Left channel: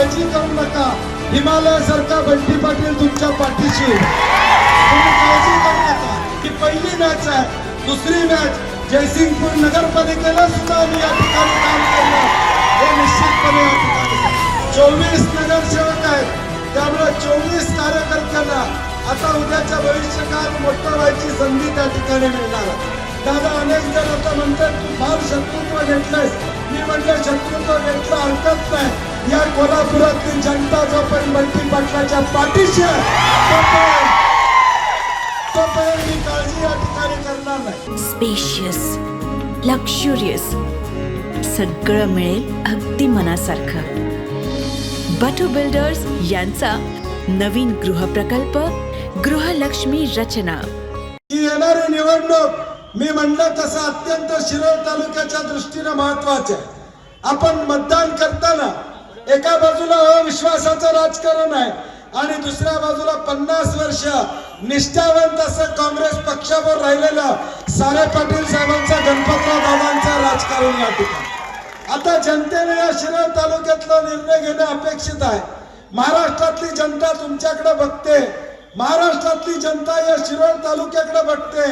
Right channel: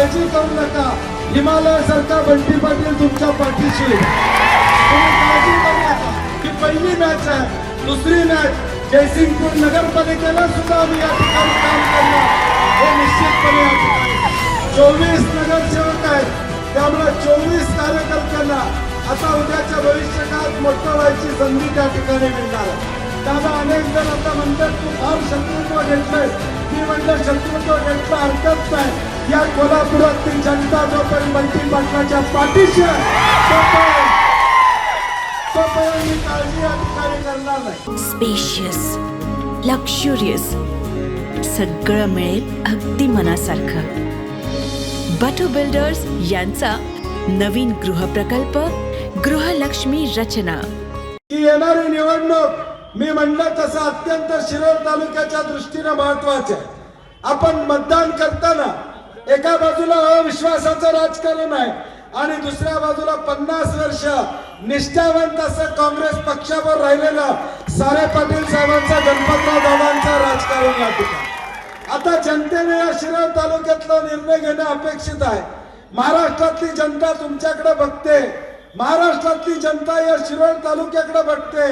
काळजी करू नका, हिमालय सारखा बंटी पाटील तुमच्या पाठीशी. तुम्ही काळजी करू नका. ही पहिली मॅच आहे. दुसरी मॅच जयसिंगपूर नगरपालिकेला सुद्धा आम्ही या ठिकाणी काम केलं, हे निश्चितपणे या ठिकाणी 24 नगरसेवक आहेत, त्यामुळे 24 कार्यकर्त्यांना आता उद्याच्या भविष्यकाळात मोठं व्हायची संधी त्या ठिकाणी मिळणार आहे. त्यामुळे अनेक जण आता म्हणतात तू फार शत्रुत्व घेतलंयस. मी म्हटलं शत्रुत्व घेतलं हरकत नाही. या कोल्हापुरातली जनता जोपर्यंत बंटी पाटलाच्या पाठीशी आहे तोपर्यंत मी काळजी या ठिकाणी करणार नाही. स्पेशियस, लक्झुरियस, सगळं मिळेल अगदी मनासारखं. बटू बिल्डर्स यांचा नवीन गृहप्रकल्प गृहलक्ष्मी रचना. ही येणारी निवडणूक मी म्हणलं तसं अत्यंत शिरोळ तालुक्याच्या दृष्टीने महत्वाचे आहे. आपण मतदान करताना एका बाजूला अविश्वासाचं राजकारण आहे आणि दुसऱ्या बाजूला 50 वर्ष निष्ठावंत असं काँग्रेस पक्षावर राहिलेलं सारे पाटील साहेबांचा गणपतराव दादांचा राजकारण या ठिकाणी. आता जनतेने या शिरोळ तालुक्यातला निर्णय घेणं अपेक्षित आहे. महाराष्ट्रातली जनता तुमच्याकडे बघते. महाराष्ट्रातली जनता या शिरोळ तालुक्याकडे बघते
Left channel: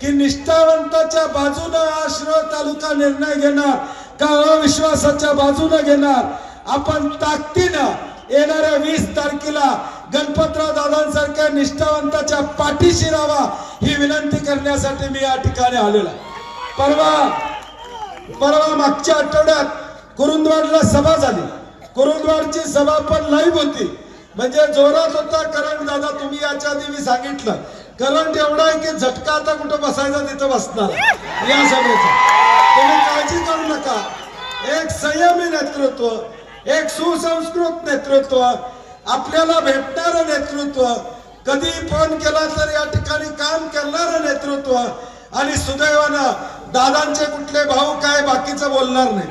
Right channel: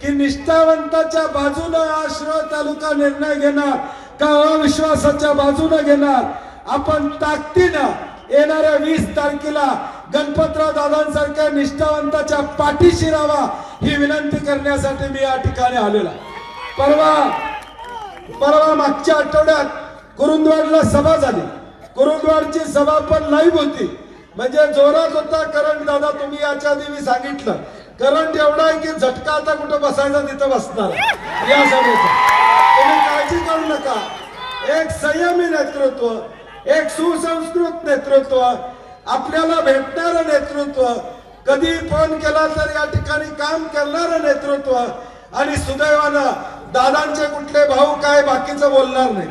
की निष्ठावंताच्या बाजूने हा शिरोळ तालुका निर्णय घेणार का अविश्वासाच्या बाजूने घेणार. आपण ताकदीनं येणाऱ्या 20 तारखेला गणपतराव दादांसारख्या निष्ठावंताच्या पाठीशी राहावा ही विनंती करण्यासाठी मी या ठिकाणी आलेलो आहे. परवा मागच्या आठवड्यात कुरुंदवाडला सभा झाली. कुरुंदवाडची सभा पण लाईव्ह होती, म्हणजे जोरात होता करंट. दादा तुम्ही याच्या आधी मी सांगितलं करंट एवढा आहे की झटका आता कुठं बसायचं तिथं बसणार या सभेचा. तुम्ही काळजी करू नका. एक संयमी नेतृत्व, एक सुसंस्कृत नेतृत्व, आपल्याला भेटणारं नेतृत्व, कधी फोन केला तर या ठिकाणी काम करणारं नेतृत्व आणि सुदैवानं दादांचे कुठले भाऊ काय बाकीचं बोलणार नाही.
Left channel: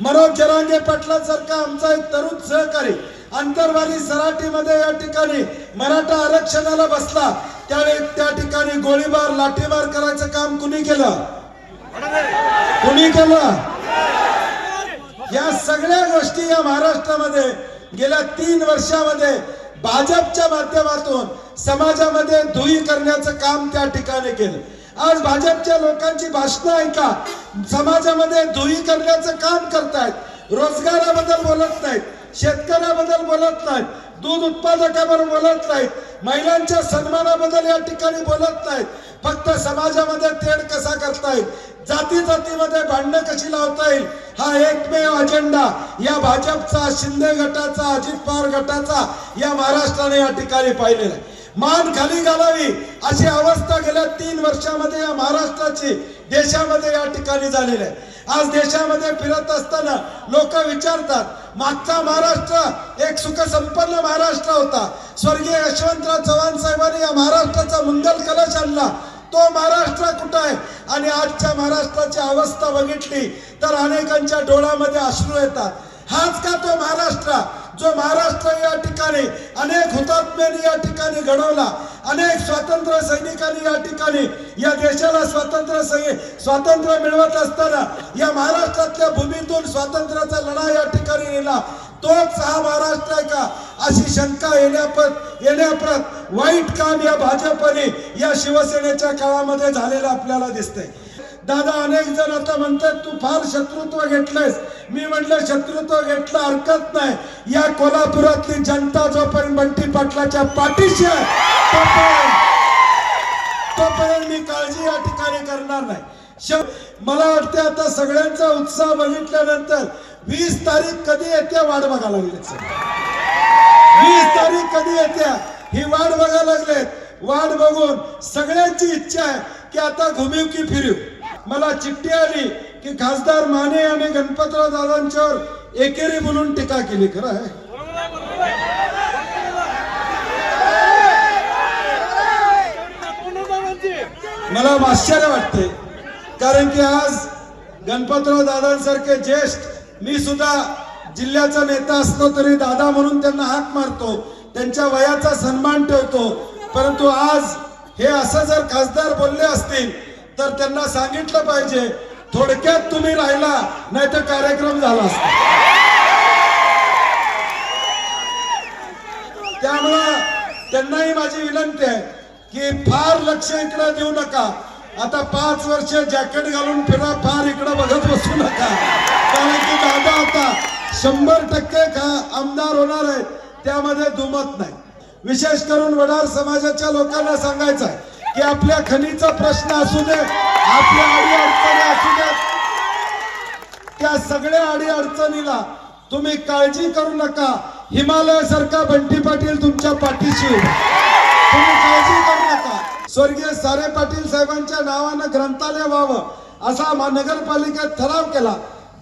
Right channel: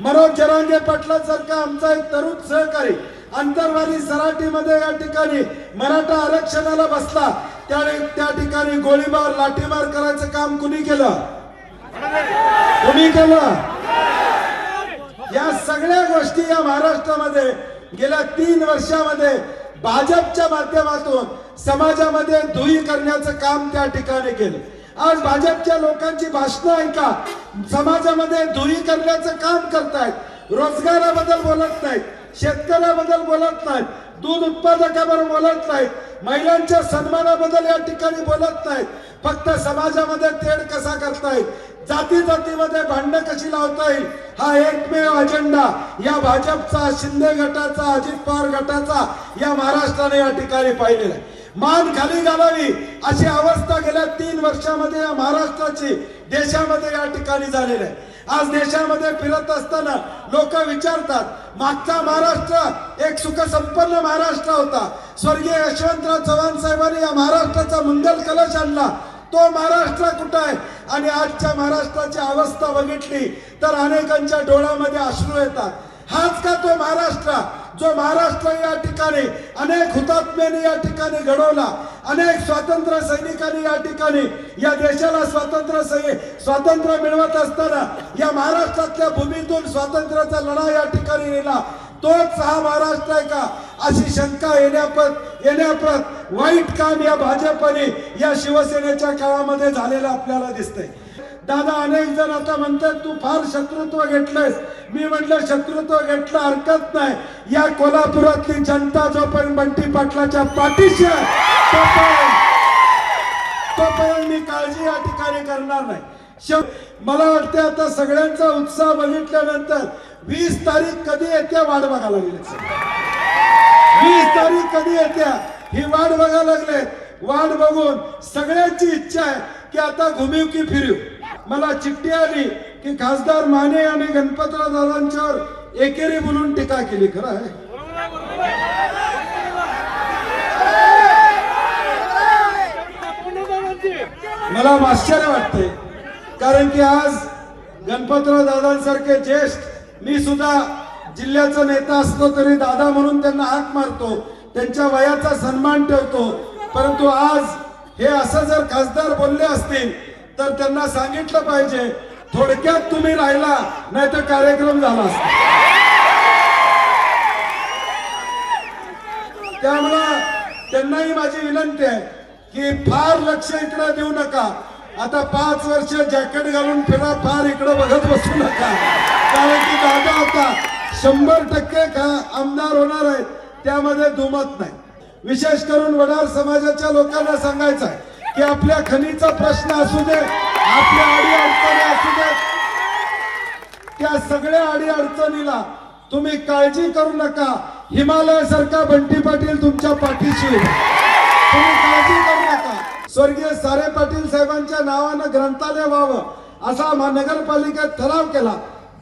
मनोज जरांगे पाटलांसारखा आमचा एक तरुण सहकारी अंतरवाली सराटीमध्ये या ठिकाणी मराठा आरक्षणाला बसला. त्या ठिकाणी गोळीबार लाठीबार करायचं काम कुणी केलं? कुणी केलं? या सगळ्या गोष्टी या महाराष्ट्रामध्ये गेल्या 3 वर्षामध्ये भाजपच्या माध्यमातून समाजामध्ये धुळी करण्याचं काम त्या ठिकाणी केलं. आज भाजपच्या लोकांची भाषणं ऐका, समाजामध्ये धुळी करण्याचं काम करतायत. रोजगाराबद्दल बोलत नाहीत, शेतकऱ्याबद्दल बोलत नाहीत, दूध उत्पादकाबद्दल बोलत नाहीत, महिलांच्या सन्मानाबद्दल या ठिकाणी बोलत नाहीत. फक्त समाजामध्ये तेढ कसा करतायत, जाती जातीमध्ये भांडणं कशी लावता येईल हा एकमेव अजेंडा या भाजपचा, शिंदे गटाचा, अजित पवार गटाचा या महाराष्ट्राने या ठिकाणी पाहिलेला आहे. मान खाली घालावी अशी अवस्था गेल्या 3 वर्षामध्ये या महाराष्ट्राची देशामध्ये या ठिकाणी झालेली आहे. आज देशामध्ये फिरत असताना लोक विचारतात मागचा महाराष्ट्र एक सुखसंपन्न महाराष्ट्र होता. स्वर्गीय यशवंतराव चव्हाण साहेबांनी या महाराष्ट्राचा मंगल कलश आणला. तो महाराष्ट्र कुठं आहे? आणि आजच्या महाराष्ट्राची अवस्था बघितली तर अनेकांच्या डोळ्यामध्ये अश्रू येतात. हाच का तो महाराष्ट्र जो महाराष्ट्र या ठिकाणी अनेक हुतात्म्यांनी या ठिकाणी घडवला, अनेक स्वातंत्र्य सैनिकांनी या ठिकाणी या देशाला स्वातंत्र्य मिळवत असताना या महाराष्ट्रातल्या भूमीतून स्वातंत्र्याचा लढा या ठिकाणी नेला. तोच हा महाराष्ट्र आहे का अशी शंका येण्याप्रत वाईट काम या भाजपने या शिवसेनेच्या काळामध्ये झालेलं आपल्याला दिसतंय. दादा अनेक जण आता म्हणतात तू फार शत्रुत्व घेतलंयस. मी म्हटलं शत्रुत्व घेतलं हरकत नाही. या कोल्हापुरातली जनता जोपर्यंत बंटी पाटलाच्या पाठीशी आहे तोपर्यंत मी काळजी या ठिकाणी करणार नाही. मला वाटतं आता सगळ्यांचा उत्साह बघितल्यानंतर 20 तारीख कधी येते वाट बघायला लागली. 20 तारीख कधी येते ही वाट बघायला लागले. वाट बघून सगळ्यांची इच्छा आहे की आता घुमीव की फिरू. मला चिठ्ठी आली की खासदार माने आणि गणपतराव दादांच्यावर एकेरी बोलून टीका केली. खरं आहे? मला आश्चर्य वाटते, कारण की आज गणपतराव दादांसारखे ज्येष्ठ, मी सुद्धा जिल्ह्याचा नेता असलो तरी दादा म्हणून त्यांना हाक मारतो, त्यांच्या वयाचा सन्मान ठेवतो. परंतु आज हे असं जर खासदार बोलले असतील तर त्यांना सांगितलं पाहिजे थोडक्यात तुम्ही राहिला नाही तर कार्यक्रम झाला असता. त्यामुळे त्यांनाही माझी विनंती आहे की फार लक्ष इकडे देऊ नका. आता 5 वर्ष जॅकेट घालून फिरा, फार इकडे बघत बसू नका. कारण की दादा आता 100% आमदार होणार आहेत, त्यामध्ये दुमत नाही. विशेष करून वडार समाजाच्या लोकांना सांगायचं की आपल्या खनीचा प्रश्न असू दे, आपल्या अडी अडचणी असू दे, त्या सगळ्या अडी अडचणीला तुम्ही काळजी करू नका. हिमालय सारखा बंटी पाटील तुमच्या पाठीशी आहे. तुम्ही काळजी करू नका. स्वर्गीय सारे पाटील साहेबांच्या नावानं ग्रंथालय व्हावं असा नगरपालिकेत ठराव केला.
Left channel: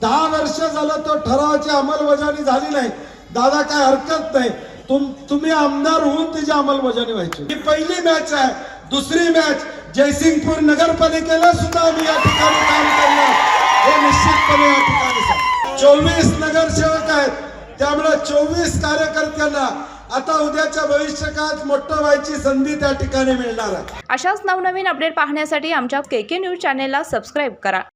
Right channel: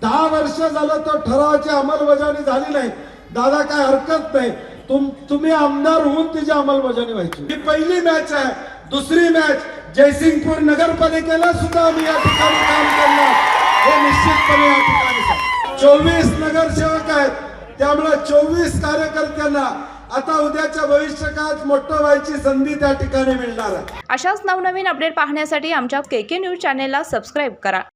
10 वर्ष झालं तो ठरावाची अंमलबजावणी झाली नाही. दादा काय हरकत नाही, तुम्ही आमदार होऊन तिची अंमलबजावणी व्हायची. ही पहिली मॅच आहे. दुसरी मॅच जयसिंगपूर नगरपालिकेला सुद्धा आम्ही या ठिकाणी काम केलं हे निश्चितपणे या ठिकाणी 24 नगरसेवक आहेत. त्यामुळे 24 कार्यकर्त्यांना आता उद्याच्या भविष्यकाळात मोठं व्हायची संधी त्या ठिकाणी मिळणार आहे. अशाच नवनवीन अपडेट पाहण्यासाठी आमच्या KK न्यूज चॅनेलला सबस्क्राईब करा.